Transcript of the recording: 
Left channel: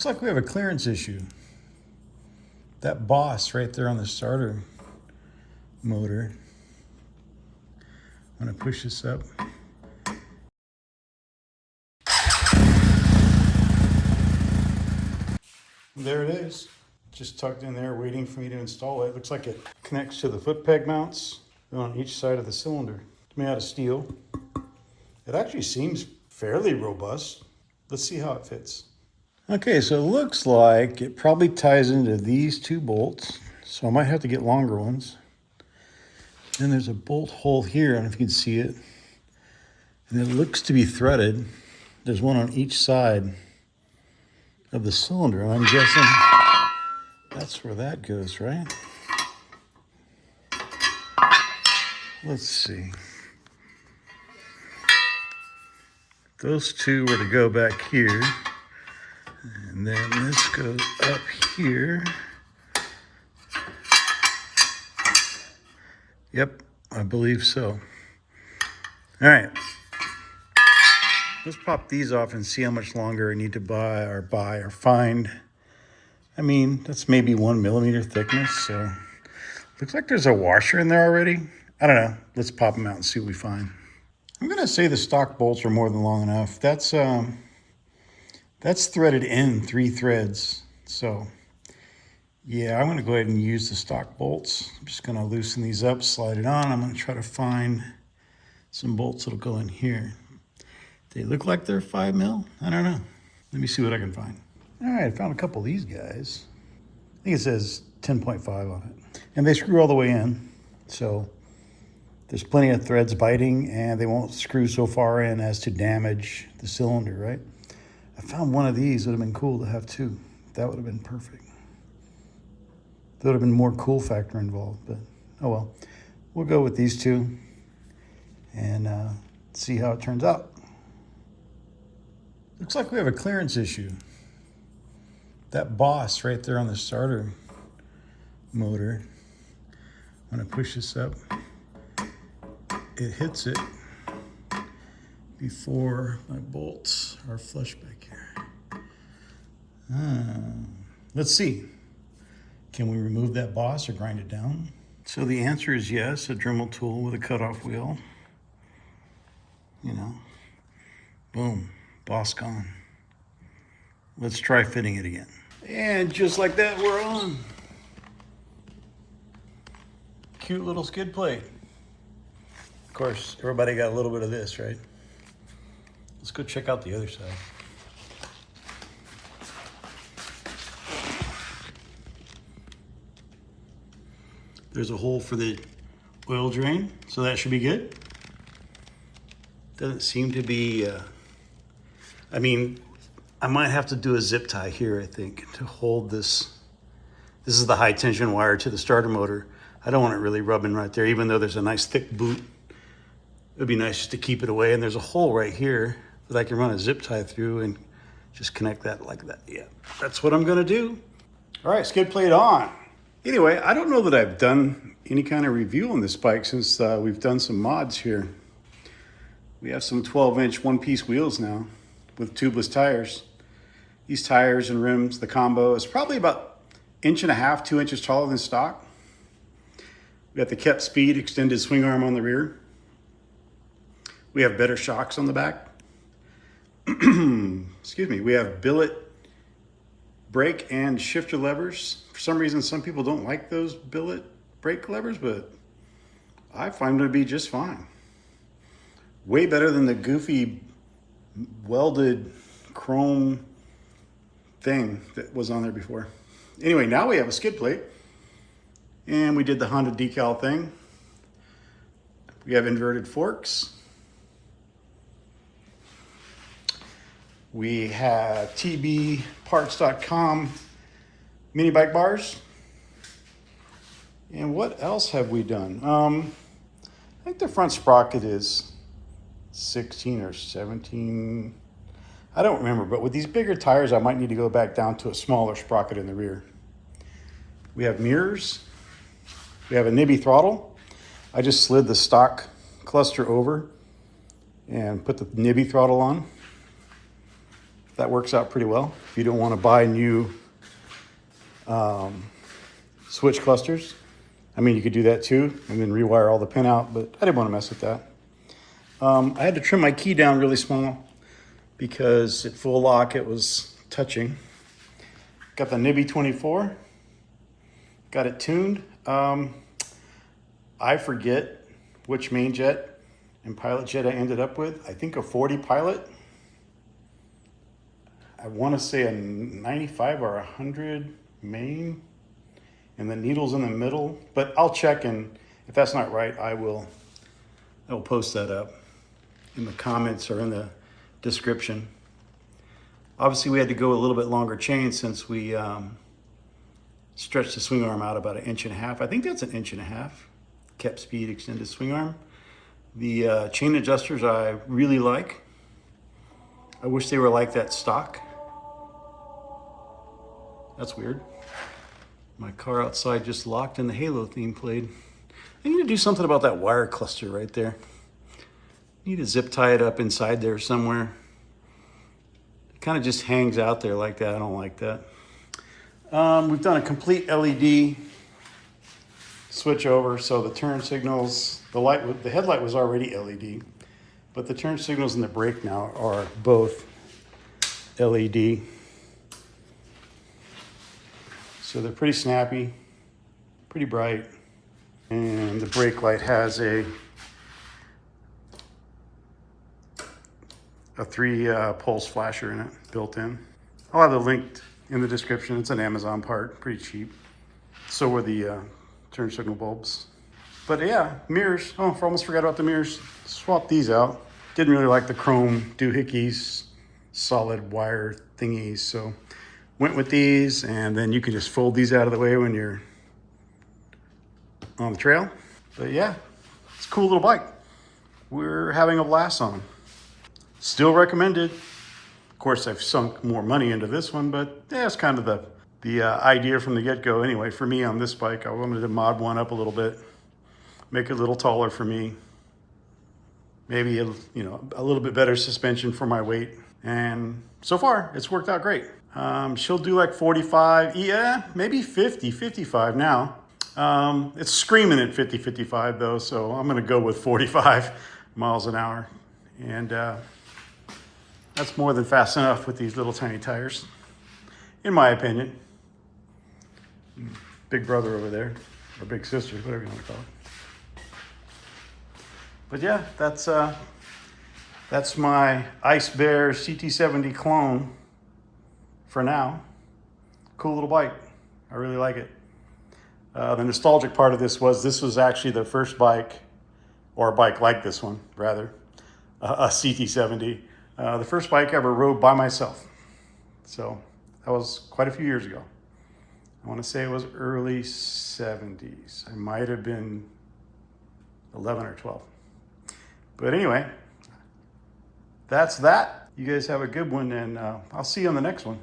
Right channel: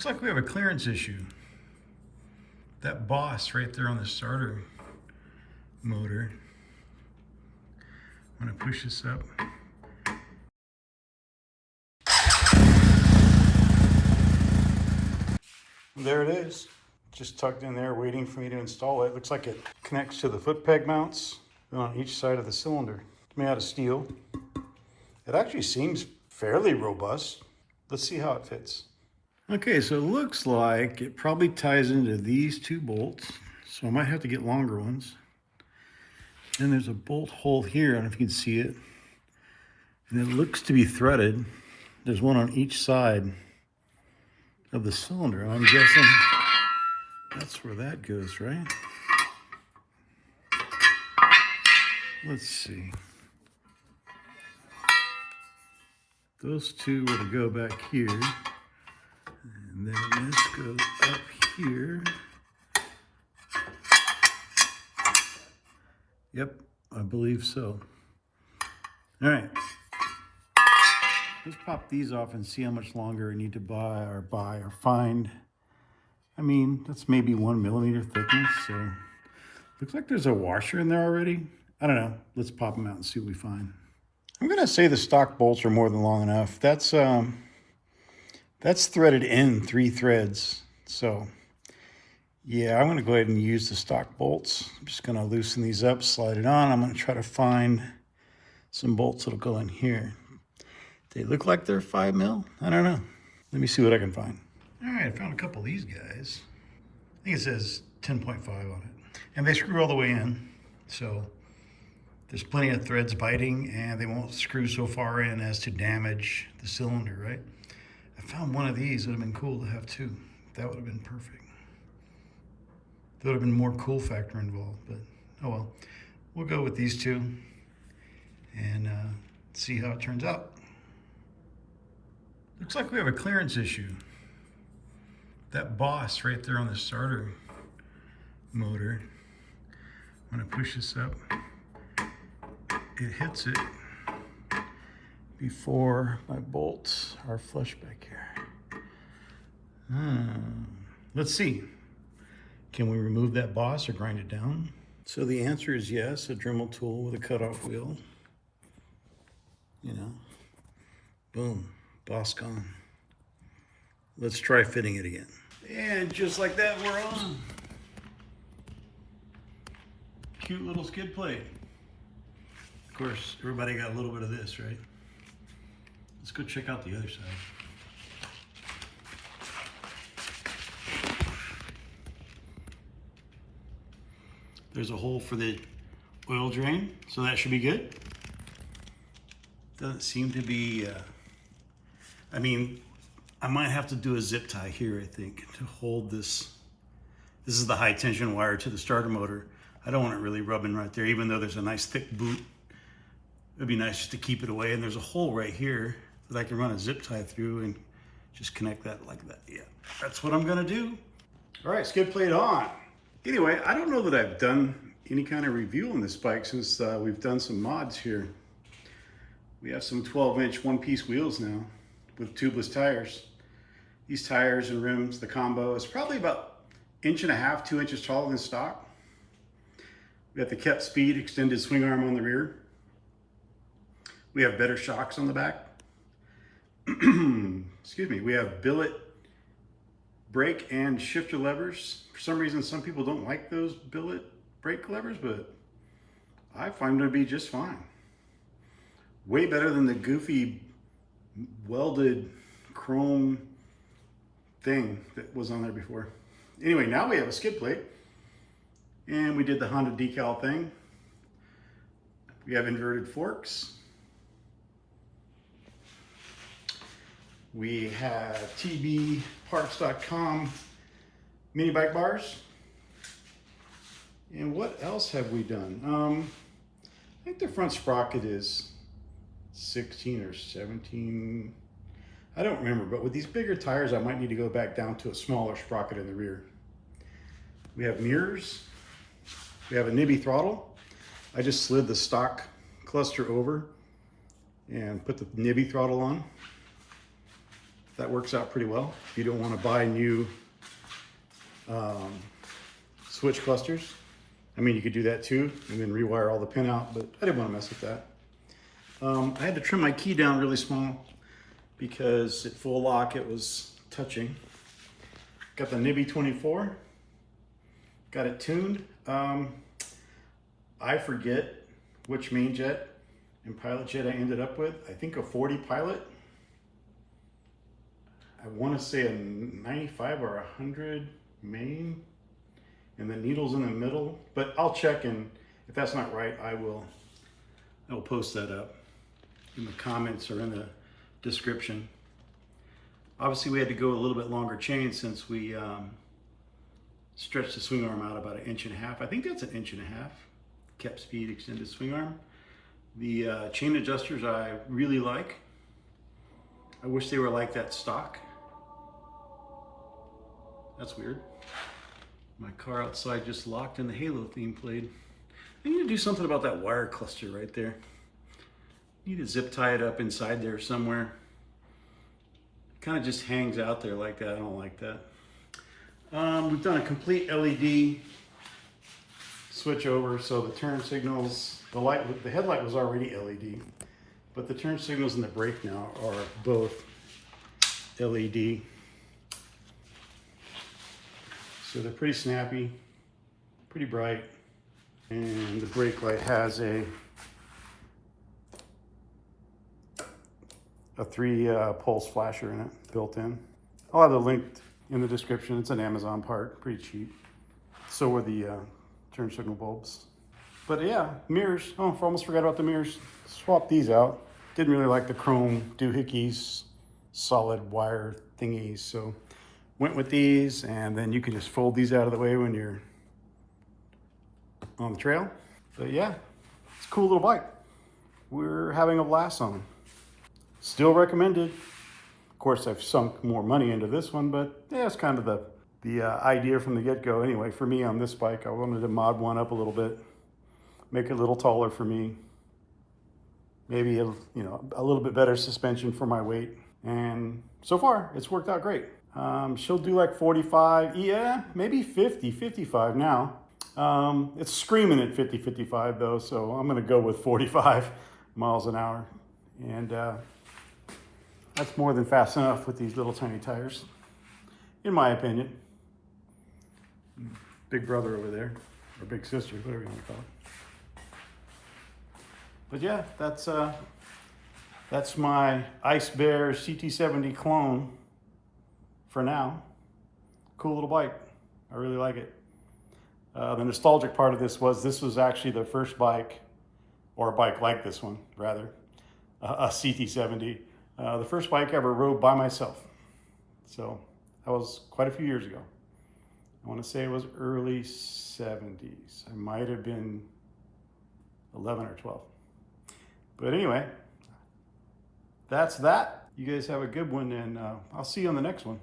Looks like we have a clearance issue. That boss right there on the starter motor. I'm gonna push this up. There it is. Just tucked in there waiting for me to install it. Looks like it connects to the foot peg mounts on each side of the cylinder. It's made out of steel. It actually seems fairly robust. Let's see how it fits. Okay, so it looks like it probably ties into these two bolts. So I might have to get longer ones. Then there's a bolt hole here, I don't know if you can see it. And it looks to be threaded. There's one on each side of the cylinder. And I'm guessing that's where that goes, right? Let's see. Those two were to go back here. And then this goes up here. Yep, I believe so. All right. Let's pop these off and see how much longer I need to buy or find. I mean, that's maybe 1 millimeter thickness, so looks like there's a washer in there already. I don't know. Let's pop them out and see what we find. I'm gonna say the stock bolts are more than long enough. That's threaded in 3 threads. So yeah, I'm gonna go ahead and use the stock bolts. I'm just gonna loosen these up, slide it on. I'm gonna try to find some bolts that'll go in here. They look like they're 5 mil. I don't know. Let me see what I can find. All right, I found a couple of these guys. I think it says 10.5 on it. And they screw all the way in. So there's plenty of threads biting and they won't screw so far in as to damage the cylinder, right? I found one of these would have been cool to have too. That would have been perfect. There would have been more cool factor involved, but oh well. We'll go with these two and see how it turns out. Looks like we have a clearance issue. That boss right there on the starter motor. I'm gonna push this up. It hits it before my bolts are flush back here. Let's see. Can we remove that boss or grind it down? So the answer is yes, a Dremel tool with a cutoff wheel. You know, boom, boss gone. Let's try fitting it again. And just like that, we're on. Cute little skid plate. Of course, everybody got a little bit of this, right? Let's go check out the other side. There's a hole for the oil drain, so that should be good. Doesn't seem to be, I mean, I might have to do a zip tie here, I think, to hold this. This is the high tension wire to the starter motor. I don't want it really rubbing right there, even though there's a nice thick boot. It'd be nice just to keep it away. And there's a hole right here that I can run a zip tie through and just connect that like that. Yeah, that's what I'm gonna do. All right, skid plate on. Anyway, I don't know that I've done any kind of review on this bike since we've done some mods here. We have some 12-inch one-piece wheels now with tubeless tires. These tires and rims, the combo is probably about 1.5 inches, 2 inches taller than stock. We got the kept speed extended swing arm on the rear. We have better shocks on the back. Excuse me. We have billet brake and shifter levers. For some reason, some people don't like those billet brake levers, but I find them to be just fine. Way better than the goofy welded chrome thing that was on there before. Anyway, now we have a skid plate and we did the Honda decal thing. We have inverted forks. We have tbparts.com mini bike bars. And what else have we done? I think the front sprocket is 16 or 17. I don't remember, but with these bigger tires, I might need to go back down to a smaller sprocket in the rear. We have mirrors. We have a nibby throttle. I just slid the stock cluster over and put the nibby throttle on. that works out pretty well. If you don't want to buy new switch clusters, I mean, you could do that too, and then rewire all the pin out, but I didn't want to mess with that. I had to trim my key down really small because at full lock it was touching. Got the Nibby 24, got it tuned. I forget which main jet and pilot jet I ended up with. I think a 40 pilot. I want to say a 95 or 100 main, and the needle's in the middle, but I'll check, and if that's not right, I will post that up in the comments or in the description. Obviously we had to go a little bit longer chain since we stretched the swing arm out about 1.5 inches. I think that's 1.5 inches. Kept speed, extended swing arm. The chain adjusters I really like. I wish they were like that stock. That's weird. My car outside just locked and the Halo theme played. I need to do something about that wire cluster right there. Need to zip tie it up inside there somewhere. It kind of just hangs out there like that. I don't like that. We've done a complete LED switch over, so the turn signals, the headlight was already LED, but the turn signals and the brake now are both LED. So they're pretty snappy, pretty bright, and the brake light has a 3 pulse flasher in it, built in. I'll have the link in the description. It's an Amazon part, pretty cheap. So were the turn signal bulbs. But yeah, mirrors. Oh, I almost forgot about the mirrors. Swapped these out. Didn't really like the chrome doohickeys, solid wire thingies, so went with these, and then you can just fold these out of the way when you're on the trail. But yeah, it's a cool little bike. We're having a blast on them. Still recommended. Of course, I've sunk more money into this one, but yeah, it's kind of the idea from the get-go anyway. For me on this bike, I wanted to mod one up a little bit, make it a little taller for me, maybe a little bit better suspension for my weight, and so far it's worked out great. She'll do like 45, yeah, maybe 50, 55 now. It's screaming at 50, 55 though, so I'm gonna go with 45 miles an hour, and that's more than fast enough with these little tiny tires, in my opinion. Big brother over there, or big sister, whatever you want to call it. But yeah, that's my Ice Bear CT70 clone for now. Cool little bike. I really like it. The nostalgic part of this was actually the first bike, or a bike like this one, rather, a CT70. The first bike I ever rode by myself. So that was quite a few years ago. I want to say it was early 70s. I might have been 11 or 12. But anyway, that's that. You guys have a good one, and I'll see you on the next one.